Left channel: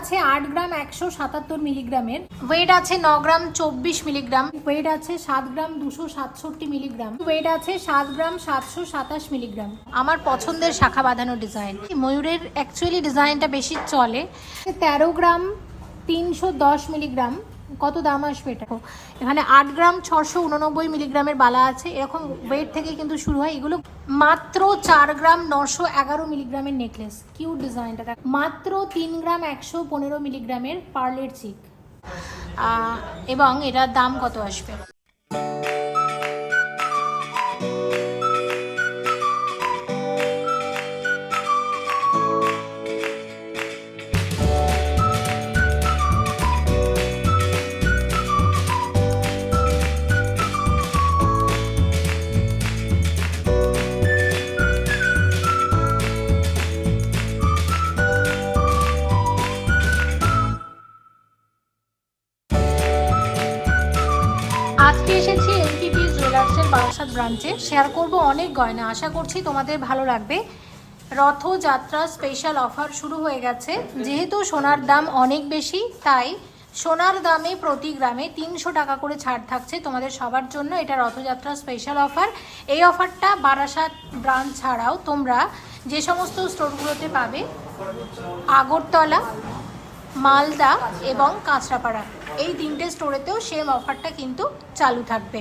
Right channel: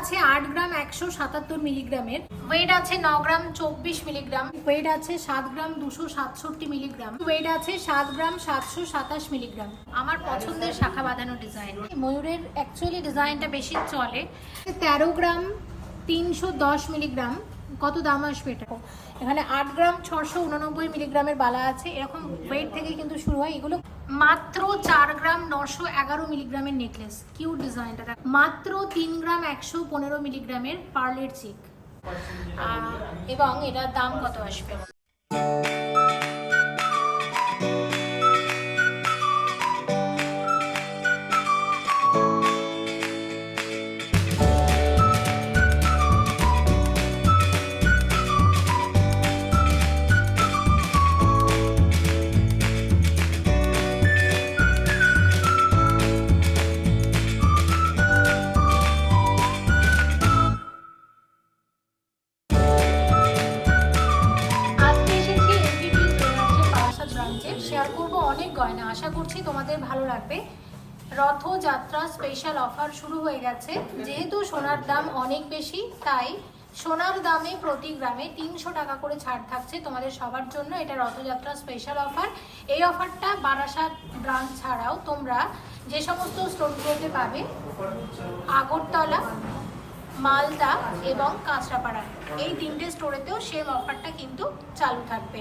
আছে আট গ্রাম একশো সাতাত্তর মিলিগ্রামের। ওয়েট আছে ন গ্রাম চব্বিশ মিলিগ্রাম। ওয়েট আছে সাত গ্রাম দুশো সাতষট্টি মিলিগ্রাম। ওয়েট আছে সাত গ্রাম সাতশো সাতাশ মিলিগ্রাম। আমার পছন্দের শাখা বাঁধানো ডিজাইন ময়ূরের অ্যাকচুয়ালি ডিজাইনটা বেশি চলে? তেরো গ্রাম তিনশো দশ মিলিগ্রাম। কত দাম আসবে এটা? এখানে আট গ্রাম ছশো উননব্বই মিলিগ্রামের বালা আছে। এরকম ওয়েট থেকে কিন্তু শুরু হয় এগুলো। মাত্র চার গ্রাম নশো এগারো মিলিগ্রামের নেকলেস। কিউট ডিজাইনটা দেখ। মাত্র তিন গ্রাম একশো পনেরো মিলিগ্রামের পার্লের চিক। এবং এটার দাম কত আসবে? ভালো লাগবে। রথযাত্রা স্পেশাল অফার শুরু হয়ে গেছে। যেহেতু সোনার দাম অনেক বেশি, তাই সোনার দামে প্রতি গ্রামে তিনশো টাকা করে ছাড় থাকছে তোমাদের সবার জন্য। এটা রথযাত্রা স্পেশাল অফার এই অফারটা বারাসাত ব্রাঞ্চ ছাড়াও তোমরা যে সমস্ত স্টোরগুলোতে পাবে, আগরতলা, মালদা এবং কাঁচরাপাড়া। এই তিনটে স্টোরেতেও সেম অফারটা কিন্তু চালু থাকবে।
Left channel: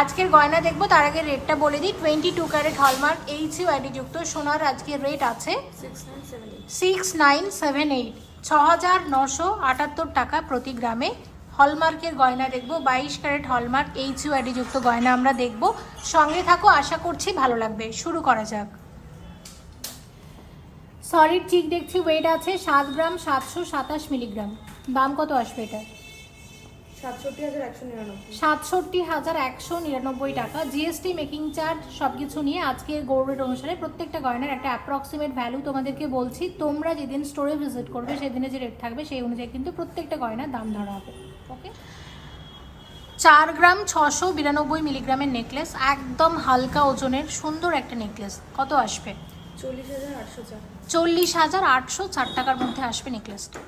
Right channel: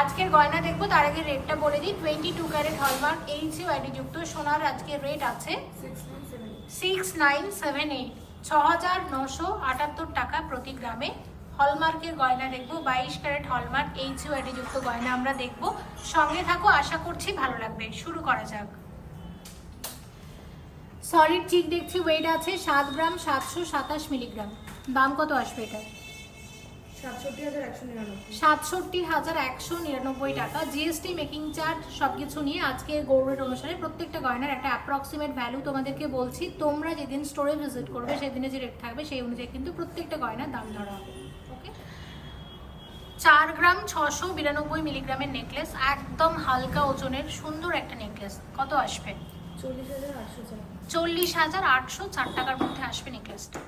আজকের গয়না দেখব, তার আগে রেটটা বলে দিই twenty two carat hallmark H U যুক্ত সোনার আজকের রেট আছে সিক্স নাইন সেভেন এইট ছ হাজার নশো আটাত্তর টাকা প্রতি গ্রামে। হলমার্কের গয়না দেখব, বাইশ ক্যারেট হলমার্ক এইচ ইউ যুক্ত গয়না আমরা দেখব। সঙ্গে থাকো, আশা করছি ভালো লাগবে। শুরু করা যাক। সলিড চিক দেখছি ওয়েট আছে সাত গ্রাম, সাতশো সাতাশ মিলিগ্রাম দাম কত আসবে এটা সাতষট্টি হাজার একশো নিরানব্বই। টাকা। জিএসটি মেকিং চার্জ নিয়ে গৌরের অনুসারে প্রত্যেকটা গয়নার একটা অ্যাপ্রক্সিমেট ভ্যালু তোমাদেরকে বলছি। তোমরা যেদিন স্টোরে ভিজিট করবে সেদিনে যে রেট থাকবে সেই অনুযায়ী কিন্তু প্রত্যেকটা গয়নার দাম ধরা হবে। ওকে চার গ্রাম ছশো বিরানব্বই মিলিগ্রামের নেকলেস একদম হালকা ওজনের সুন্দর একটা নেকলেস কত আসবে? চল্লিশ হাজার আটশো চল্লিশ হাজার আটশো চার টাকার মধ্যে আসবে নেকলেসটা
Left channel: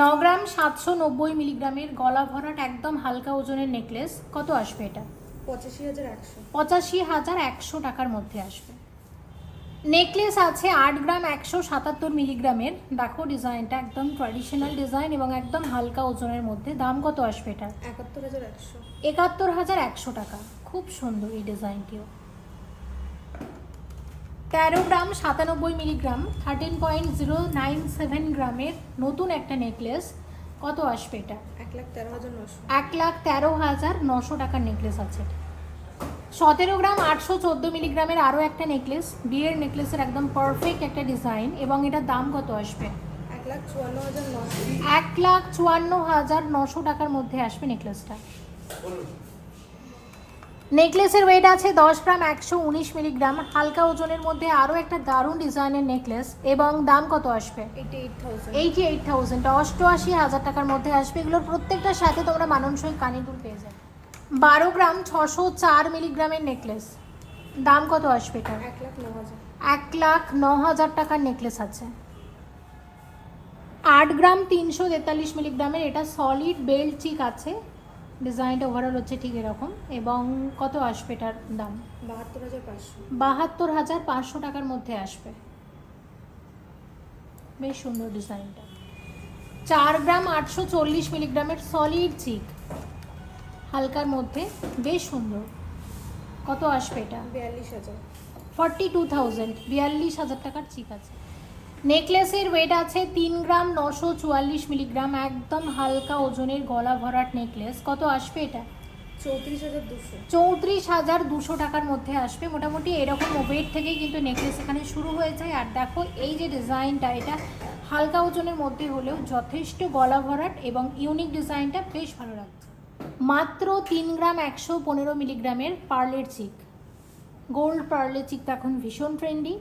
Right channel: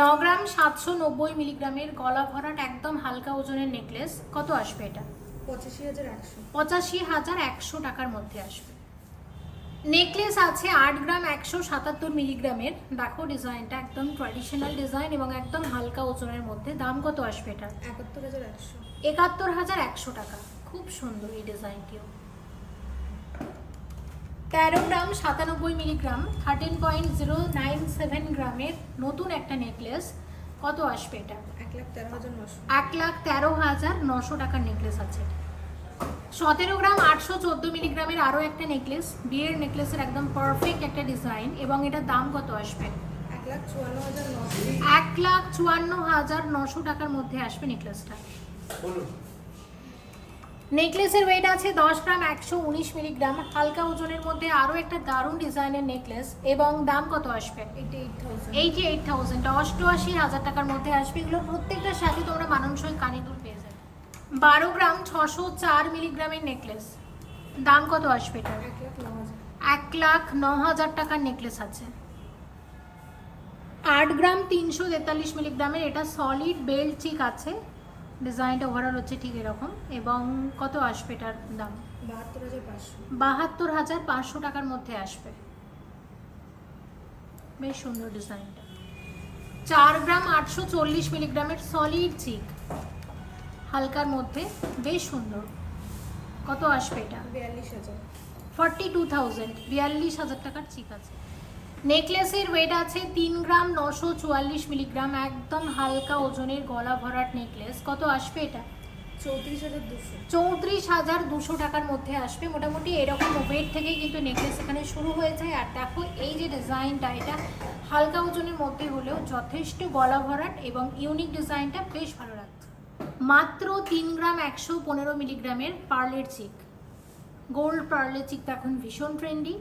ন গ্রাম সাতশো নব্বই মিলিগ্রামের গলা ভরাট একদম হালকা ওজনের নেকলেস। কত আসবে এটা? পঁচাশি হাজার একশো। পঁচাশি হাজার একশো টাকার মধ্যে আসবে। নেকলেস আছে আট গ্রাম একশো সাতাত্তর মিলিগ্রামের। দেখো ডিজাইনটা একদম ট্র্যাডিশনাল ডিজাইন এবং একদম হালকা ওজনের মধ্যে। দাম কত আসবে এটা? একাত্তর হাজার একশো। একাত্তর হাজার একশো টাকা। খুব সুন্দর এই ডিজাইনটিও। তেরো গ্রাম সাতানব্বই milligram thirteen point zero nine seven গ্রামের নতুন একটা নেকলেস কত আসবে এটা? এক লাখ তেরো হাজার নশো এক লাখ তেরো হাজার নশো টাকার নেকলেস আছে। সতেরো গ্রাম আটশো চোদ্দ মিলিগ্রামের আরও একটা নেকলেস বিয়ের নেকলেসের একদম পারফেক্ট একটা ডিজাইন এবং এটার দাম কত আসবে? এক লাখ চুয়ান্ন হাজার নশো। এক লাখ চুয়ান্ন হাজার নশো টাকার মধ্যে আসবে নেকলেসটা। নেকলেসের ওয়েট আছে দশ গ্রাম একশো উনিশ মিলিগ্রাম। হালকা ওজনের মধ্যে আরও একটা দারুণ ডিজাইনের নেকলেস। এবং দাম কত আসবে? Eighty eight thousand. Eighty eight thousand. অষ্টআশি হাজার টাকার মধ্যে আসবে। এগুলোর প্রত্যেকটার সাথে তোমরা মানানসই কানিদুল পেয়ে যাবে। বারো গ্রাম ছশো চার মিলিগ্রামের নেকলেস। দাম কত আসবে এটার? এক লাখ ন হাজার। এক লাখ ন হাজার টাকার নেকলেস আছে। আট গ্রাম তিনশো তেতাল্লিশ মিলিগ্রামের এটা সলিড বেল্ট চিক আছে। ডিজাইনটা ওভারঅল হচ্ছে ঠিক এরকম। এবং কত আসবে এটার দাম? বাহাত্তর হাজার পাঁচশো। বাহাত্তর হাজার পাঁচশো টাকার মধ্যে আসবে। বেশ সুন্দর ডিজাইনটা। চার গ্রাম আটশো চল্লিশ মিলিগ্রামের সলিড চিক হালকার মধ্যে। বেশ সুন্দর। কত আসবে এটা? বিয়াল্লিশ হাজার। ফর্টি টু থাউজেন্ড বিয়াল্লিশ হাজার টাকার চিক আছে। নেকলেসের ওয়েট আছে তিন গ্রাম নশো চুয়াল্লিশ মিলিগ্রাম একদম হালকা ওজনের গলা ভরাট নেকলেস। কত আসবে এটা? চৌত্রিশ হাজার দুশো। চৌত্রিশ হাজার দুশো টাকার মধ্যে আসবে। মোটামুটি এরকম ওয়েট থেকেই কিন্তু নেকলেস এখানে শুরু হয়ে যায়। আর দেখো এই যে ডিজাইনটা এটা হালকা ওজনের মধ্যে হলেও যথেষ্ট গলা ভরাট এবং ইউনিক ডিজাইনটা বেশ ভালো লাগছে। মাত্র তিন গ্রাম একশো পনেরো মিলিগ্রামের পার্লের চিক গোল্ড পার্লের চিকটা এখন ভীষণ ট্রেন্ডি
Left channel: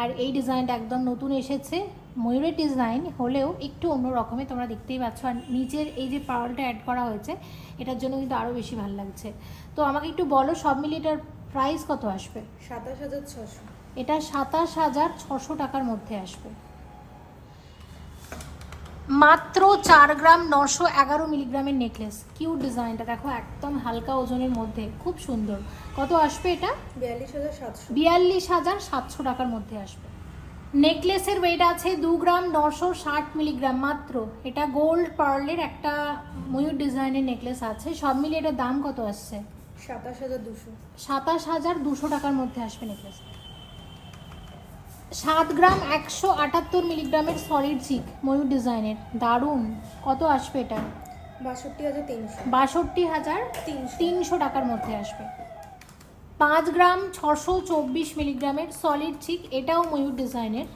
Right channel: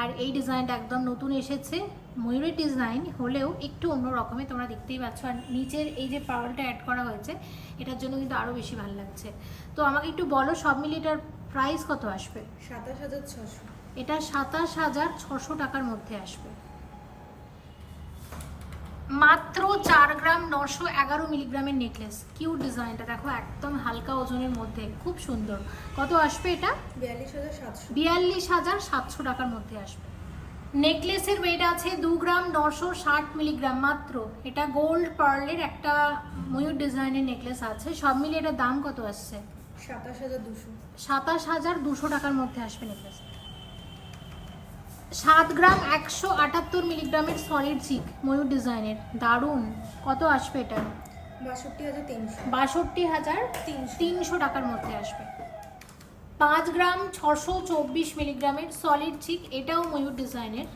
আর এই ডিজাইনটা একদম নতুন এসেছে। ময়ূরের ডিজাইন হলেও একটু অন্য রকমের তোমরা দেখতেই পাচ্ছ। আর নিচের এই যে পাওয়ারটা অ্যাড করা হয়েছে এটার জন্য কিন্তু আরও বেশি ভালো লাগছে। তো আমাকে একটু বলো সব মিলিয়ে এটার প্রাইস কত আসবে? সাতাশ হাজার ছশো এটা সাতাশ হাজার ছশো টাকার মধ্যে আসবে। মাত্র চার গ্রাম নশো এগারো মিলিগ্রামের নেকলেস। কিউট ডিজাইনটা দেখো একদম হালকা ওজনের মধ্যে খুব সুন্দর। কত আসবে এটা? বিয়াল্লিশ হাজার সাতশো। বিয়াল্লিশ হাজার সাতশো টাকার মধ্যে আসবে। নেকলেসের ওয়েট আছে দু গ্রাম নশো ষাট মিলিগ্রাম মাত্র। এটা গোল্ড পার্লের একটা ময়ূর ডিজাইনের নেকলেস আছে। সব মিলিয়ে এটার দাম কত আসছে? সাতাশ হাজার দুশো। সাতাশ হাজার দুশো টাকার মধ্যে আসবে নেকলেস সাত গ্রাম একশো আটাত্তর মিলিগ্রামের সলিড চিক ময়ূর ডিজাইনের দারুণ। কত আসবে এটা? বাষট্টি হাজার তিনশো। বাষট্টি হাজার তিনশো টাকার মধ্যে আসবে। পাঁচ গ্রাম ছশো চব্বিশ মিলিগ্রামের সলিড চিক এটাও ময়ূর ডিজাইনের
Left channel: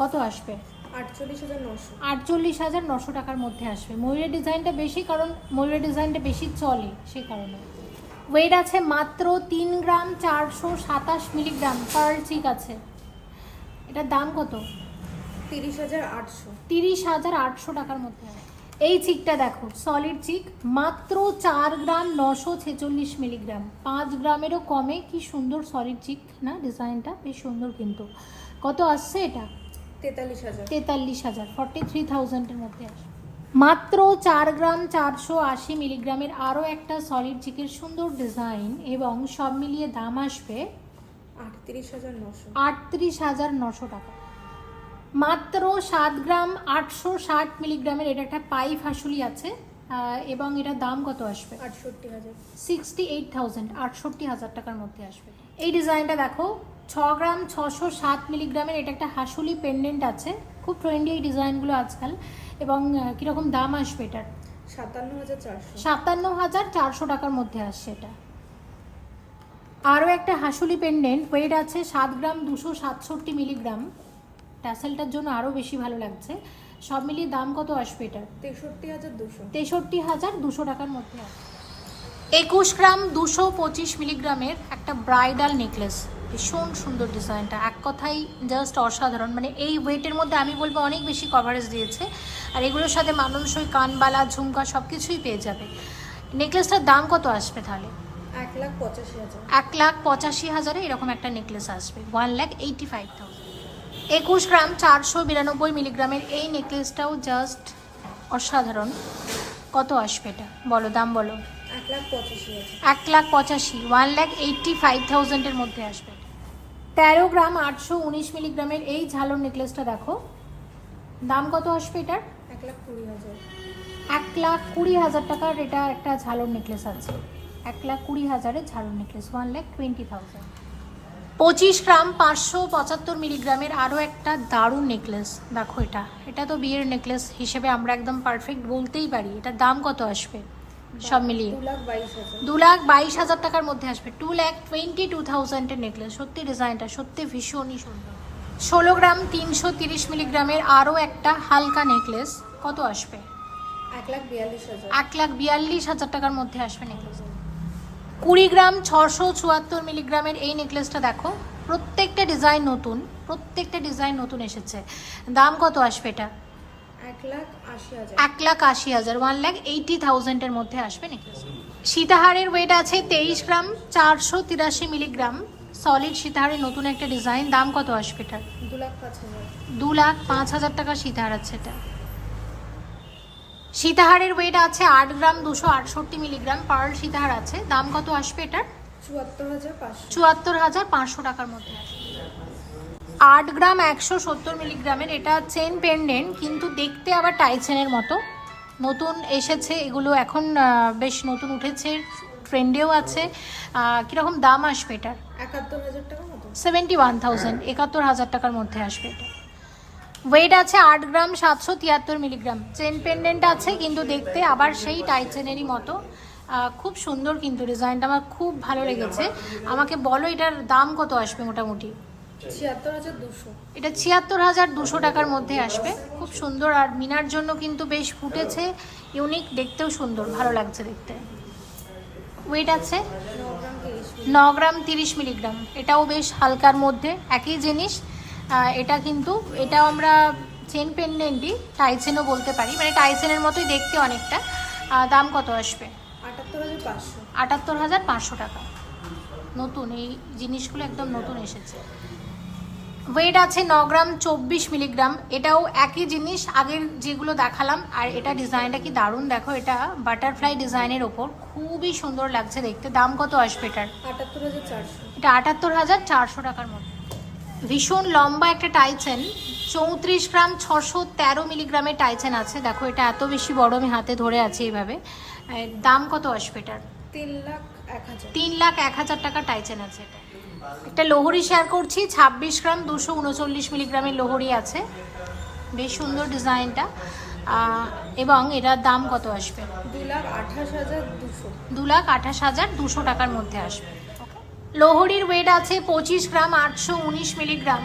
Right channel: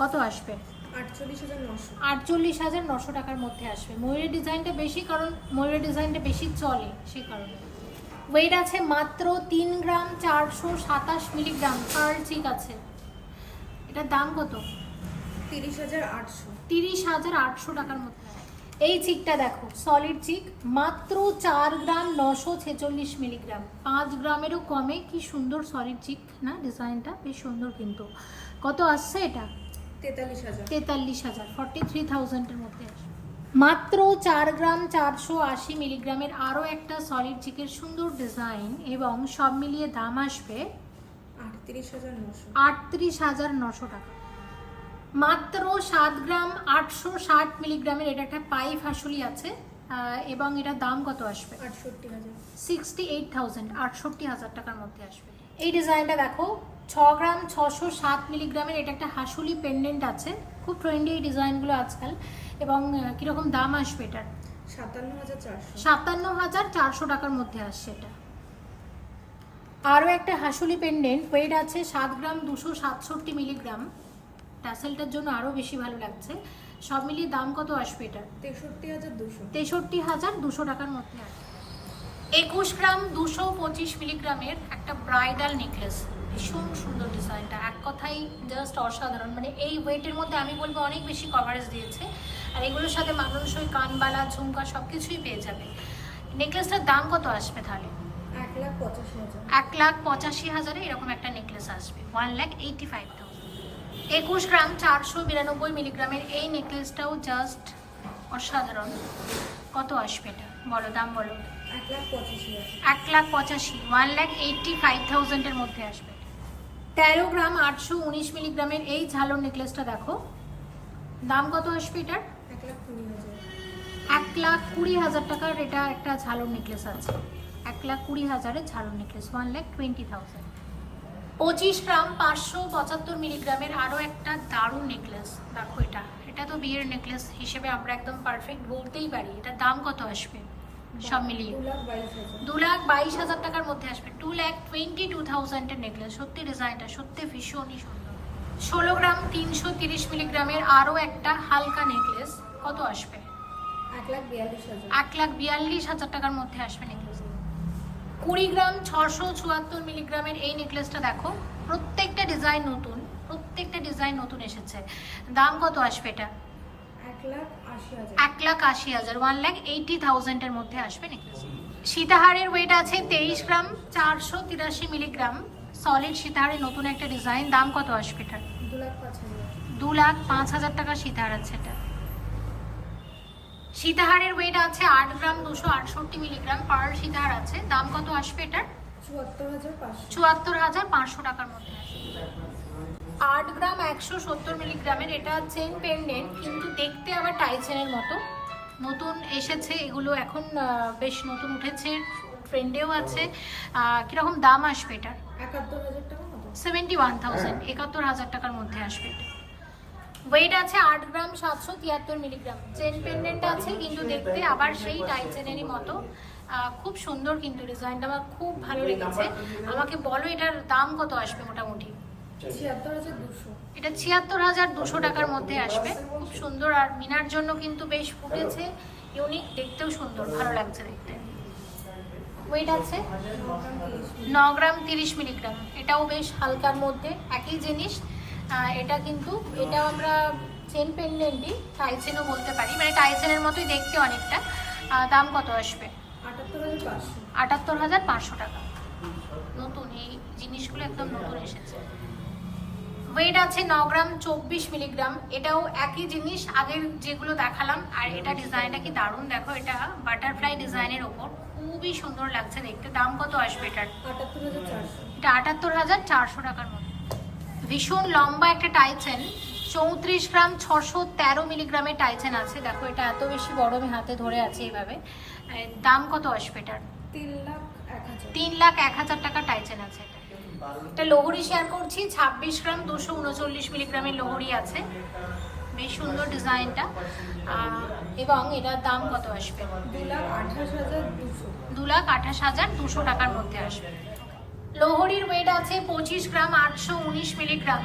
কত আসবে? আটচল্লিশ হাজার নশো। আটচল্লিশ হাজার নশো টাকার মধ্যে আসবে। ময়ূরের ডিজাইনটা বেশি কারণ ময়ূরের ডিজাইনটা বেশি চলে সেই কারণে। ওয়েট আছে মাত্র তিন গ্রাম চারশো সাতাশ মিলিগ্রাম। পার চিক আছে। এটার দাম কত? তিরিশ হাজার আটশো। তিরিশ হাজার আটশো টাকার মধ্যে। এই চিকটা দেখো সলিড চিক মাত্র চার গ্রাম নশো ছেচল্লিশ মিলিগ্রাম। পাঁচ গ্রামেরও কমে কি সুন্দর সলিড চিক না? ডিজাইনটা বেশ সুন্দর কিন্তু। কত আসছে এটা? তেতাল্লিশ হাজার। তেতাল্লিশ হাজার ফর্টি থ্রি থাউজেন্ডের মধ্যে আসবে। মাত্র চার গ্রাম চারশো আশি মিলিগ্রামের আরও একটা সলিড চিকের সুন্দর ডিজাইন এবং সব মিলিয়ে দাম আসবে আটত্রিশ হাজার নশো। আটত্রিশ হাজার নশো টাকা। মাত্র সাত গ্রাম আটশো ষাট মিলিগ্রামের এটা একটা পাইপ হাসুলি আছে এবং এটার দাম কত আসবে? আটষট্টি হাজার। সিক্সটি এইট থাউজেন্ড আটষট্টি হাজার টাকার মধ্যে আসবে। এই ডিজাইনটা দেখো ছ গ্রাম ছশো সাত মিলিগ্রামের এটা একটা হাসুলি পেন্ডেন্ট আছে। খুব ট্রেন্ডি এই ডিজাইনগুলো আজকাল। এবং কীরকম দাম আসবে এটার? সাতান্ন হাজার চারশো। সাতান্ন হাজার চারশো টাকার মধ্যে আসছে এটা। আরও একটা হাসুলি পেন্ডেন্ট ওয়েট আছে সাত গ্রাম দুশো সাতষট্টি মিলিগ্রাম। ট্যাসেলটার জন্য আরও বেশি ভালো লাগছে। সব মিলিয়ে দাম কত আসবে এটার? তেষট্টি হাজার দুশো। তেষট্টি হাজার দুশো টাকার মধ্যে আছে একুশ গ্রাম দুশো পঁচিশ মিলিগ্রামের একটা ব্রাইডাল নেকলেস ভীষণ সুন্দর ডিজাইনটা এক কথাই জাস্ট অসাধারণ। মানে এই ওয়েটের মধ্যে আমি বলব অনেক বেশি কভারেজ দিয়েছে। আর এগুলোর সাথে মানুষই কানবালা ঝুমকা সব কিছুই পেয়ে যাবে। নেকলেসটার দাম কত আসবে তাহলে? এক লাখ পঁচাশি হাজার। এক লাখ পঁচাশি হাজারে এরকম একটা নেকলেস আসবে। One lakh eighty five thousand একুশ গ্রাম চারশো বিরানব্বই মিলিগ্রামের এই নেকলেসটাও জাস্ট অসাধারণ। কত আসবে এটা? বলো দাম বলো। এক লাখ পঁচাশি এক লাখ পঁচাশি ওয়ান লাখ এইটটি ফাইভ থাউজেন্ডের মধ্যে আসবে। তেরো গ্রাম আটশো উনিশ মিলিগ্রামের এই ঝালর নেকলেসটা দেখো। দাম কত আসবে এটার? এক লাখ কুড়ি হাজার। এক লাখ কুড়ি হাজার টাকার এটা একটা ঝালর নেকলেস আছে। এক লাখ কুড়ি হাজারের ঝালর necklace one lakh twenty thousand পঁচিশ গ্রাম পাঁচশো পঁচাত্তর মিলিগ্রামের আরও একটা দারুণ নেকলেস দেখো এটা। এটা তো বিয়ের নেকলেস হিসেবে আমরা একদম পারফেক্ট বলতেই পারি। এটার দাম কত আসবে? সব মিলিয়ে। দু লাখ বাইশ হাজার। টাকার মধ্যে আসবে। টু লাখ টোয়েন্টি টু থাউজেন্ডের নেকলেস সত্যি ডিজাইনটা সত্যি ভীষণই সুন্দর। ষোলো গ্রাম তিনশো তিরিশ মিলিগ্রামের আরও একটা হালকা নেকলেস কত আসবে? এক লাখ বিয়াল্লিশ হাজার। টাকার মধ্যে আসবে নেকলেস কুড়ি গ্রাম ছশো চুয়াত্তর মিলিগ্রামের এই নেকলেসটা দেখো প্রত্যেকটা ডিজাইন নতুন প্রত্যেকটা ডিজাইন নতুন এসেছে। দাম কত আসবে এটা? এক লাখ আশি হাজার। ওয়ান লাখ এইটি থাউজেন্ডের মধ্যে আসবে নেকলেস সীতাহারের ওয়েট আছে তেইশ গ্রাম চারশো তিরাশি মিলিগ্রাম। সলিড সীতাহারের নতুন একটা ডিজাইন দাম কত আসবে এটার? দু লাখ পাঁচ হাজার। টাকার সীতাহার আছে এটা। সীতাহারের ওয়েট আছে আট গ্রাম দুশো আটষট্টি মিলিগ্রাম পার সীতাহার আছে। দাম কত আসবে এটার? চুয়াত্তর হাজার পাঁচশো টাকার মধ্যে আসবে। আট গ্রাম একশো সত্তর মিলিগ্রামের এটা চেন পেন্ডেন্ট কিন্তু দেখতে আবার টাই চেনের মতো। নতুন এসেছে এগুলো এখন বেশ নতুন উঠেছে ট্রেন্ডেও আছে। কীরকম দাম আসবে এটার? একাত্তর হাজার টাকা সেভেন্টি ওয়ান থাউজেন্ড একাত্তর হাজার টাকার মধ্যে আসবে। এটা ওয়েট আছে আট গ্রাম সাতশো তিয়াত্তর মিলিগ্রাম। চেন পেন্ডেন্ট আছে কিন্তু দেখতে আবার সেই টাইচেনেরই মতো। খুব সুন্দর কিন্তু ডিজাইনটা আমার খুব ভালো লেগেছে। আমাকে বলো এটার দাম কত আসবে মোটামুটি? এটা ছিয়াত্তর হাজার দুশো টাকার মধ্যে আসবে। খুব সুন্দর আর মিনার জন্য কিন্তু বেশ ফুটেছে। ইউনিক দেখতেও সুন্দর ভালো লাগছে দেখতে। ওয়েট আছে? ন গ্রাম তিরিশ মিলিগ্রাম। এটাও বেশ হালকার মধ্যে একই জিনিস। এটা কিন্তু এটাও আমরা চেন পেন্ডেন্টই টাইচেনও বলতে পারি। মানে টাইচেনের মতোই দেখতে অনেকটা। দাম কত আসবে? আটাত্তর হাজার পাঁচশো টাকা। নতুন এই জিনিসগুলো একদম নতুন এসেছে। ওয়েট আছে ন গ্রাম চব্বিশ মিলিগ্রাম। এটাও একই জিনিস আগের যেগুলো দেখালাম আর এটা ডিজাইনটা কি দারুণ দেখো এটা বাটারফ্লাই ডিজাইনের ওপর। খুবই সুন্দর লাগছে দেখতে। দাম কত আসবে এটার? এটা আটাত্তর হাজার চারশো টাকার মধ্যে। ভীষণ লম্বা একটা টাইচেন চৌত্রিশ গ্রাম ছশো তেরো মিলিগ্রামের টাইচেন আছে। দেখো এটা এত বেশি বড় আমি হাতে ধরে আছি এইভাবে। দাম কত আসবে এটার? তিন লাখ তিন লাখ এক হাজার টাকা টাইচেন আছে এটা। এটা লোহরি শেয়ার করছি, ছাব্বিশ গ্রাম দুশো উনচল্লিশ মিলিগ্রামের লোহরি আছে। বেশ সুন্দর ডিজাইনটা। এবং এটার দাম কত আসবে? দু লাখ আঠাশ হাজার দুশো দু লাখ আঠাশ হাজার দুশো টাকার মধ্যে আসবে। লোহরির ওয়েট আছে পঁচিশ গ্রাম আটশো উনিশ মিলিগ্রাম।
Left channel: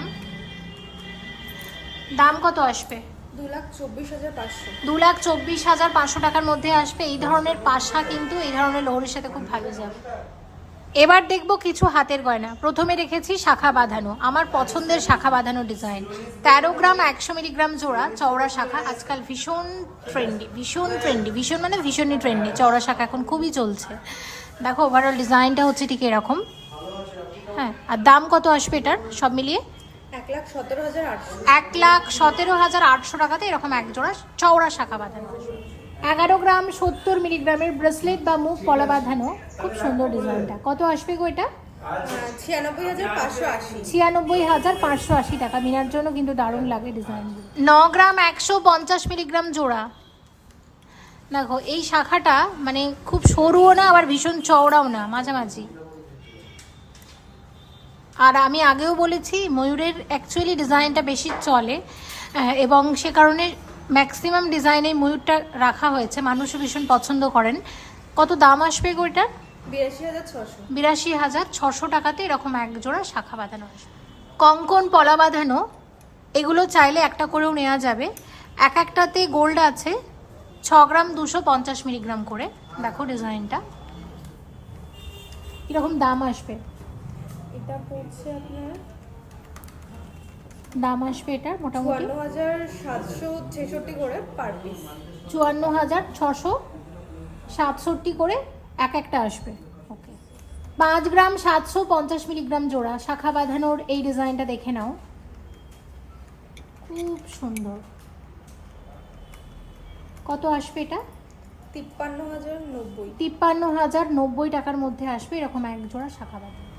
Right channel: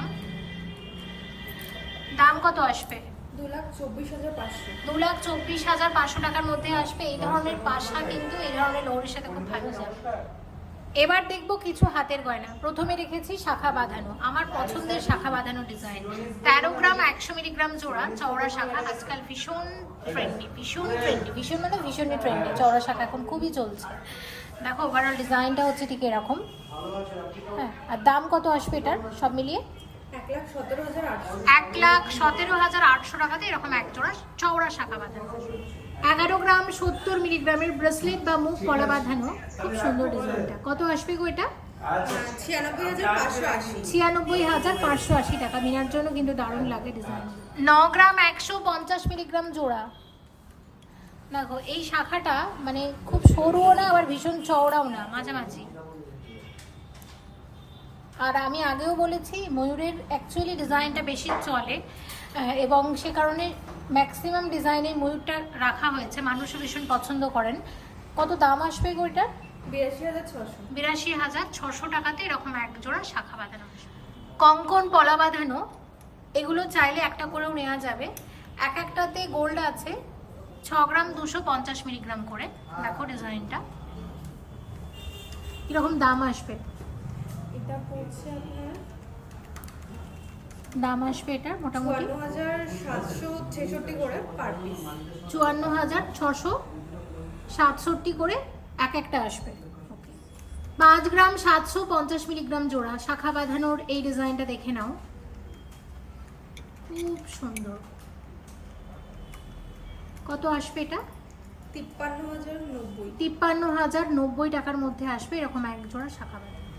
দাম কত আসবে? দু লাখ চব্বিশ হাজার পাঁচশো টাকার মধ্যে আসবে। এই ধরনের পাশা কিন্তু এই ধরনের লোহরির সাথে খুব ভালো যাবে। এবার দেখব কিছু হাতের গয়না। প্রথমে রেখেছি শাখা বাঁধানো আমার পছন্দের শাখা বাঁধানো ডিজাইন তেরো গ্রাম একশো মিলিগ্রাম জোড়া চওড়া শাখা আজকাল ভীষণ ট্রেন্ডি ভীষণ ট্রেন্ডি ভীষণ মানে ভীষণই ট্রেন্ডি চওড়া শাখা এখন খুবই চলছে। দেখো ওভারঅল ডিজাইনটা হচ্ছে ঠিক এরকম। হ্যাঁ আর দাম কত আসবে এটার? সব মিলিয়ে? এক লাখ সতেরো হাজার আটশো। এক লাখ সতেরো হাজার আটশো টাকাতে এরকম এক জোড়া চওড়া শাখা বাঁধানো। এগারো গ্রাম সত্তর মিলিগ্রামের ব্রেসলেট বা মুখ পলা বাঁধানো। খুব সুন্দর ডিজাইনটা। কত আসবে গো এটা? ছিয়ানব্বই হাজার পাঁচশো আশি। ছিয়ানব্বই হাজার পাঁচশো আশি টাকা। মিনার জন্য কিন্তু দারুণ লাগে ডিজাইন। ন গ্রাম একশো পঞ্চাশ মিলিগ্রাম জোড়া। দেখো এই শাখাটা মানে খুব সরুও না আবার ভীষণ চওড়াও না মাঝামাঝি। আর আমি আগেও বলেছি ময়ূরের অ্যাকচুয়ালি ডিজাইনটা বেশি চলে এবং সে কারণে ম্যাক্সিমাম ডিজাইনে ময়ূরটা রাখা হয়েছে। মানুষও ভীষণ পছন্দ করেন। কত দাম আসবে ওইটা বিরাশি হাজার ছশো। টাকাতে এরকম এক জোড়া শাখা বাঁধানো আসবে কঙ্কন পলা বাঁধানো এগুলো চাইলে একটা করেও নেওয়া যাবে। এক একটাতে গোল্ড আছে ছ গ্রাম দুশো পঞ্চাশ মিলিগ্রাম করে। দেখো ডিজাইনটা। কীরকম দাম আসবে? এটা পড়ছে আপনার দাম আসবে এটার মোটামুটি? চুয়ান্ন হাজার সাতশো ছেষট্টি করে পার পিস চুয়ান্ন হাজার ছশো সাতষট্টি করে এক একটা আসবে। ওকে পাঁচ গ্রাম সাতশো পঞ্চাশ মিলিগ্রাম জোড়া। শাখা বাঁধানোর এই ডিজাইনটা দেখে নাও। খুব সুন্দর। কত আসবে এটা? তিপ্পান্ন হাজার নব্বই। তিপ্পান্ন হাজার নব্বই টাকার মধ্যে আসবে এরকম এক জোড়া শাখা বাঁধানো।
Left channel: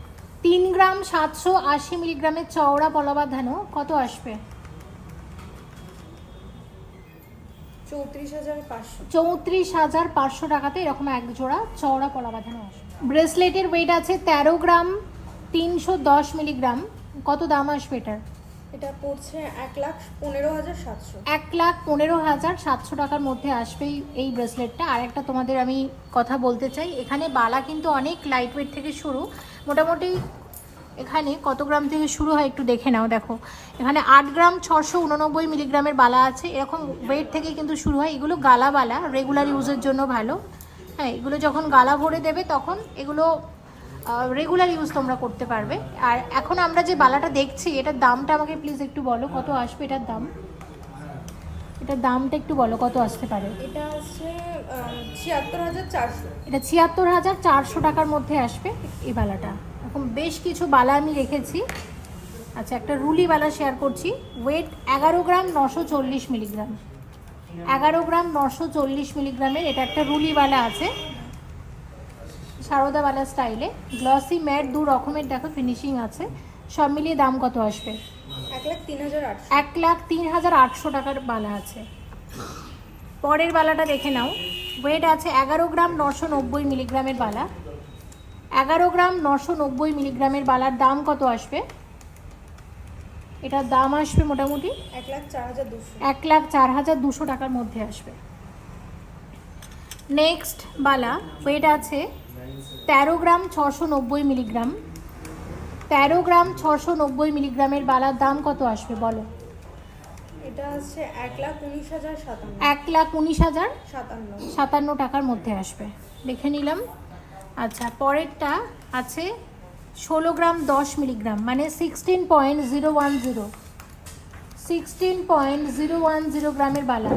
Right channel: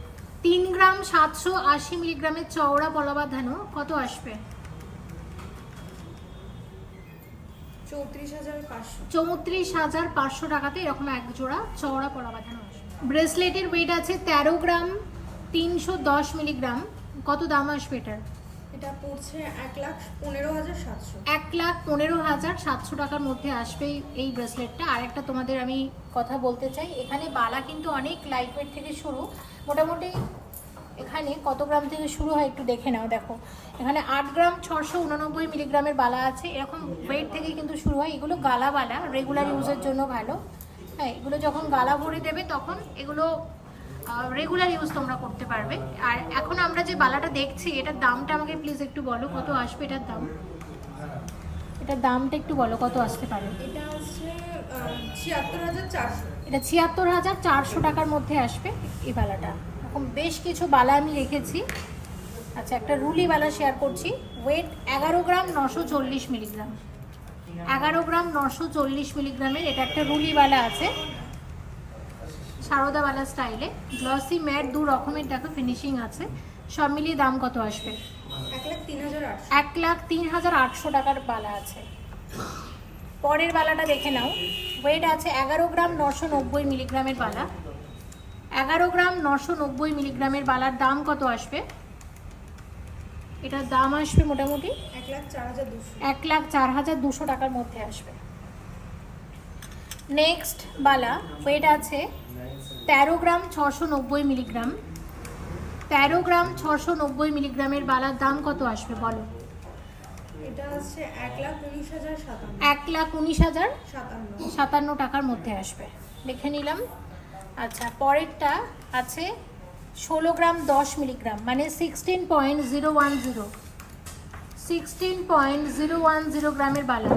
তিন গ্রাম সাতশো আশি মিলিগ্রামের চওড়া পলা বাঁধানো কত আসবে? চৌত্রিশ হাজার পাঁচশো। চৌত্রিশ হাজার পাঁচশো টাকাতে এরকম এক জোড়া চওড়া বাঁধানো আসবে। ব্রেসলেটের ওয়েট আছে তেরো গ্রাম তিনশো দশ মিলিগ্রাম। কত দাম আসবে এটার? এটা পড়ছে এক লাখ পনেরো হাজার সাতশো। এক লাখ পনেরো হাজার সাতশো টাকার মধ্যে আসবে এই- ব্রেসলেটটা। আর একটা তোমাদের আমি কথা বলতে চাই, এখানে বালা কিন্তু অনেক লাইট ওয়েট থেকে শুরু। মোটামুটি এখানে কত গ্রাম থেকে শুরু হয় একটু দেখে নাও, দেখো। এখানে আট গ্রাম ছশো উননব্বই মিলিগ্রামের বালা আছে। এরকম ওয়েট থেকে কিন্তু শুরু হয়। এগুলো গালা বালা রেগুলার ইউজের জন্য ভালো। হ্যাঁ এগুলো যখন গালা ভরে দেবে তখন এগুলো রেগুলার ইউজ তোমরা করতে পারবে। আর এখন আমরা যে বালাটা দেখছি এটার দামটা আমাকে প্লিজ একটু বলো কত আসবে এটার দাম? এটার দামটা একটু বলো কত আসতে পারে? এটা হচ্ছে ছিয়াত্তর হাজার চারশো। এটা ছিয়াত্তর হাজার চারশো টাকার মধ্যে আসবে এই বালাটা। এরকম বেশ কিছু বালা আমি রেখেছি। আচ্ছা একটা রুলি বালা শেয়ার করছি। ওয়েট এগারো গ্রাম নশো চল্লিশ মিলিগ্রাম। এগারো গ্রাম নশো চল্লিশ মিলিগ্রামের এটা একটা রুলি বালা আছে। সারদাবালা স্টাইলে। গ্লসি ম্যাট দু রকমের দেখো ফিনিশিং আছে। সব মিলিয়ে দাম কত আসবে? এক লাখ তিন হাজার আটশো। এক লাখ তিন হাজার আটশো টাকার বালা আছে। পরের বালাটা দেখে নাও। ওয়েট আছে এগারো গ্রাম নশো নব্বই মিলিগ্রামের বালা। এগারো গ্রাম নশো নব্বই মিলিগ্রামের বালার দাম কত আসবে? এটার দাম আসবে মোটামুটি এক লাখ চার হাজার দুশো। এক লাখ চার হাজার দুশো টাকার মধ্যে আসবে। নেক্সট বালা ওয়েট আছে তেরো গ্রাম ছশো নব্বই মিলিগ্রাম। তেরো গ্রাম ছশো নব্বই মিলিগ্রামের বালার দাম কত আসবে বলো? এটা হচ্ছে এক লাখ উনিশ হাজার সাতান্ন। এক লাখ উনিশ হাজার সাতান্ন। সাতান্ন টাকার মধ্যে আসবে। দেখে নিলাম। আচ্ছা পরেরটা আছে ষোলো গ্রাম দশ মিলিগ্রাম মানে sixteen point zero one zero sixteen point zero one zero গ্রামের বালা।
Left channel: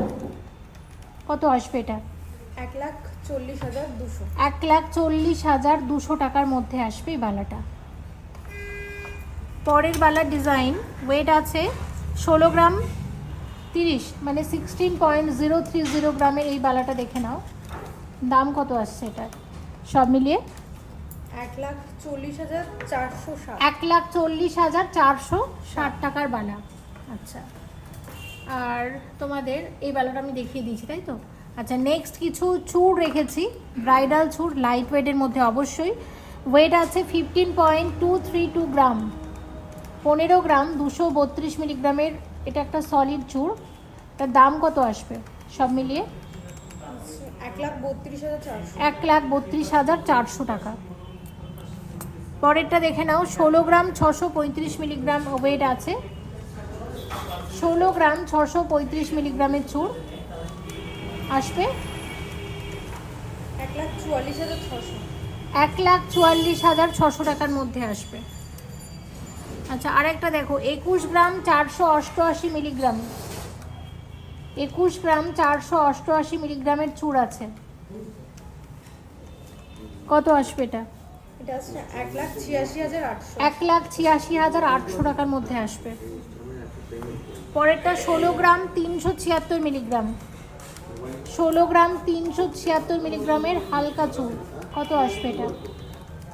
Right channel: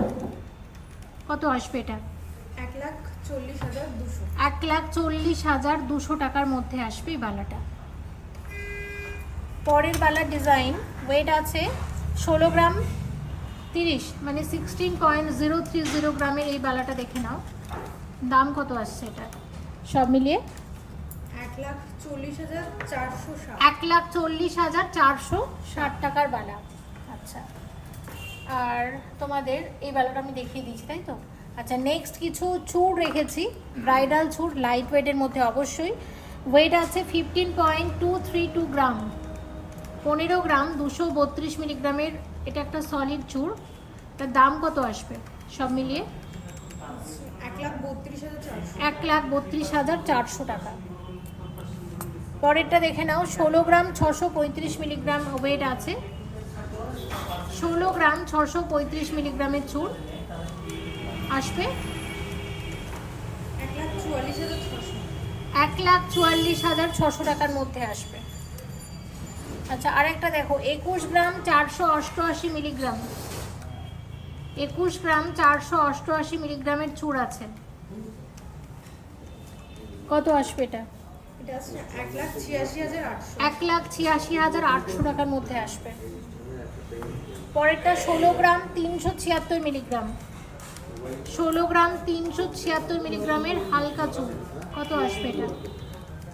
কত আসবে এটা? এক লাখ চল্লিশ হাজার দুশো। এক লাখ চল্লিশ হাজার দুশো টাকার মধ্যে আসবে এই বালাটা। পরের বালার ডিজাইন ওয়েট আছে ষোলো গ্রাম তিরিশ মানে sixteen point zero three zero গ্রামের এই বালাটা দেখে নাও। দাম কত আসছে এটা সব মিলিয়ে? এক লাখ চল্লিশ হাজার চারশো ষাট। এক লাখ চল্লিশ হাজার চারশো ষাট। টাকার বালা। আচ্ছা। আর তোমাদের এই বালাটা আমি দেখিয়ে দিয়েছি তাই তো? আচ্ছা নেক্সট কিছু চুড় রেখেছি। ব্রাইডাল চুড় লাইট ওয়েটের মধ্যে অবশ্যই। ওয়েট আছে fifteen point two three two gram পনেরো গ্রাম দুশো বত্রিশ মিলিগ্রামের এটা একটা সলিড চুড় তার দাম কত আসবে? সব মিলিয়ে? এক লাখ বত্রিশ হাজার চারশো। টাকা। পরেরটা দেখে নাও, ষোলো গ্রাম ছশো পঁয়ত্রিশ মিলিগ্রাম ওয়েট আছে। ষোলো গ্রাম ছশো পঁয়ত্রিশ মিলিগ্রামের চুর। আসবে? এক লাখ চুয়াল্লিশ হাজার ছশো। টাকার মধ্যে আসবে। আচ্ছা আরেকটা দেখো একুশ গ্রাম চারশো অষ্টআশি মিলিগ্রাম। একুশ গ্রাম চারশো অষ্টআশি মিলিগ্রামের চুর আছে। কত আসবে এটা? এক লাখ ছিয়াশি হাজার আটশো টাকার মধ্যে আসবে। পরেরটা ষোলো গ্রাম তিনশো ছিয়াত্তর মিলিগ্রাম। ষোলো গ্রাম তিনশো ছিয়াত্তর মিলিগ্রামের হালকা চুল কত আসবে এটা?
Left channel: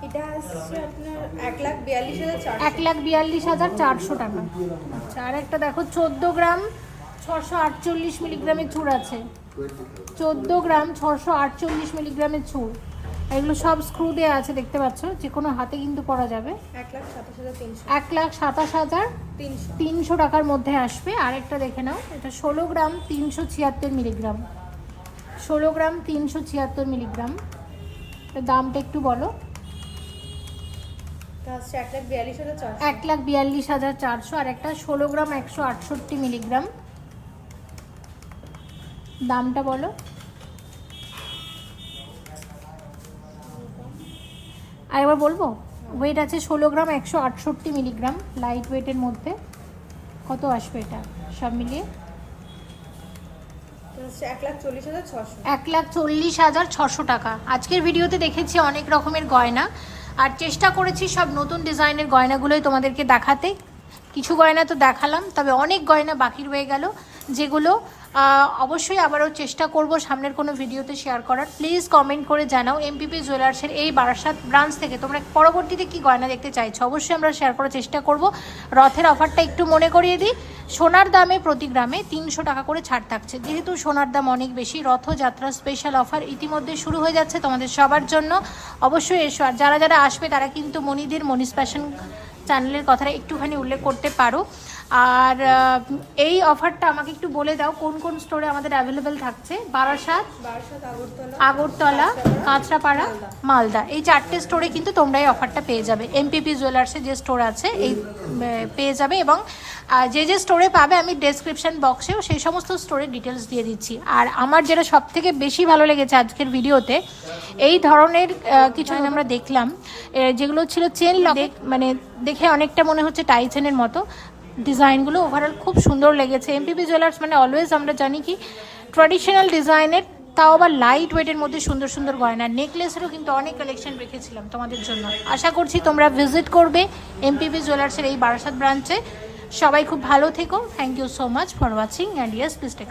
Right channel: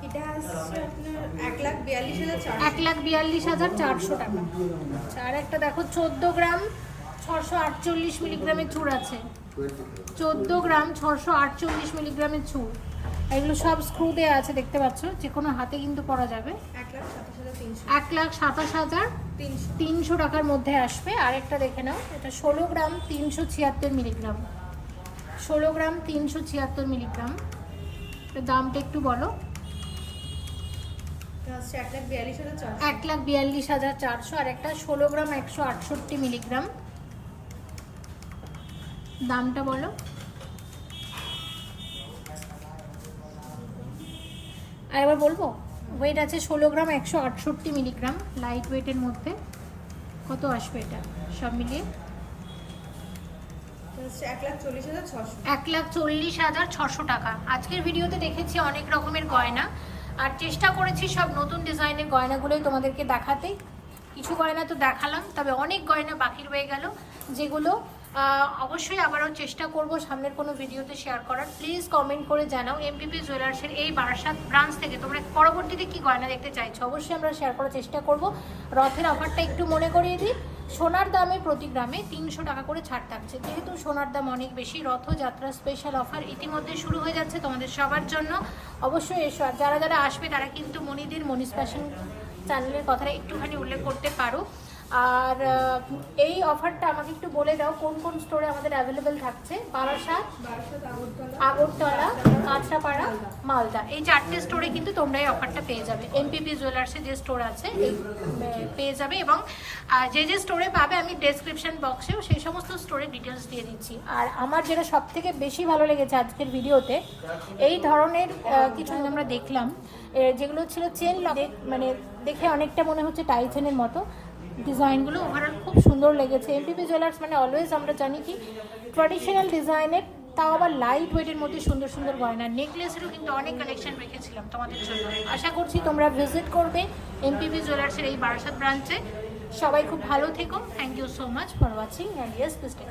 এটা আসছে আপনার এক লাখ বিয়াল্লিশ হাজার চারশো। এক লাখ বিয়াল্লিশ হাজার চারশো টাকা। আর একটা দেখো চোদ্দ গ্রাম ছশো আটচল্লিশ মিলিগ্রামের চুর আছে। চোদ্দ গ্রাম ছশো আটচল্লিশ মিলিগ্রামের চুর এগুলো সব স্ক্রু দেওয়া আছে দেখতে পাচ্ছ? যে কোনো হাতে কিন্তু পরা যাবে। এক লাখ সাতাশ হাজার তিনশো টাকার মধ্যে আসবে। আরেকটা দেখে নাও এটা ষোলো গ্রাম তিনশো ছিয়াত্তর মিলিগ্রাম। ষোলো গ্রাম তিনশো ছিয়াত্তর মিলিগ্রাম। দামটা একটু বলো। এক লাখ বিয়াল্লিশ হাজার চারশো। আর একটা ষোলো গ্রাম একশো আটষট্টি মিলিগ্রাম। দামটা বলো। আরেকবার বলব ওয়েট আছে ষোলো গ্রাম একশো আটষট্টি মিলিগ্রাম লাইট ওয়েটের মধ্যে। কত আসবে এটা? সব মিলিয়ে? এক লাখ চল্লিশ হাজার ছশো টাকা। আজকের ভিডিওতে দেখেছি অনেক রকমের গয়না। আর চেষ্টা করেছি সব নতুন ডিজাইনের গয়নাগুলোই তোমাদেরকে দেখাতে। কিছু গয়না তো দেখালাম, তবে অনেক গয়না বাকি রয়ে গেল, যেগুলো অবশ্যই আবারও চেষ্টা করব সামনের কোনো ভিডিওতে শেয়ার করার। প্লিজ কমেন্ট করে জানাও এমপিপি জুয়েলার্সের এই বারাসাত ব্রাঞ্চ থেকে। তোমরা পরবর্তীতে কি গয়না দেখতে চাইছো? অবশ্যই আমরা শেয়ার করার চেষ্টা করব। রথের অফারটা একটু মনে করিয়ে দিই। সোনার দামে প্রতি গ্রামে তিনশো টাকা করে ছাড় থাকছে। যেহেতু সোনার দাম অনেক বেশি রথযাত্রা স্পেশাল অফার ইতিমধ্যে শুরু হয়ে যাচ্ছে তোমাদের সবার জন্য। অবশ্যই এসো। আর যারা যারা আসবে, তারা কিন্তু মনিদের মনিস চ্যানেলের কথাটা একটুখানি উল্লেখ করতে পারো। আর এই অফারটা আমাকে একটু বলে দাও কোন কোন স্টোরে আমাদের অ্যাভেলেবেল থাকছে? বারাসাত আগরতলা কাঁচরাপাড়া মালদা। এই চারটে স্টোরে কিন্তু তোমরা এই অফারটা পেয়ে যাবে। এমপিপি জুয়েলার্সের যে স্টোর আছে এই পেয়ে যাবে এবং যে যে স্টোরে পাবে আমি ডেসক্রিপশন বক্সেও সেই সমস্ত স্টোরের ডিটেলস দিয়ে দিচ্ছি। আর আমার যেটা সব থেকে বেশি ভালো লেগেছে আজকের ভিডিওতে এই ধরনের কিছু আমরা দেখলাম যেগুলো ছিল চেন লক মানে দেখে অনেকটা মনে হচ্ছে টাইচেনের মতো ডিজাইনগুলো ওভারঅল খুব সুন্দর লেগেছে। এমপিপি জুয়েলার্স মানে অলওয়েজ আমরা জানি কি ট্র্যাডিশনাল ডিজাইনের তাও আবার লাইট ওয়েটের মধ্যে সুন্দর সুন্দর গয়না। নেকলেসেরও কিন্তু অনেক কালেকশন রেখেছিলাম তোমাদের জন্য। আশা করছি তোমরা ভিজিট করবে এমপিপি জুয়েলার্সের এই বারাসাত ব্রাঞ্চে সবাই খুব ভালো থেকো। Thank you so much for watching and yes please take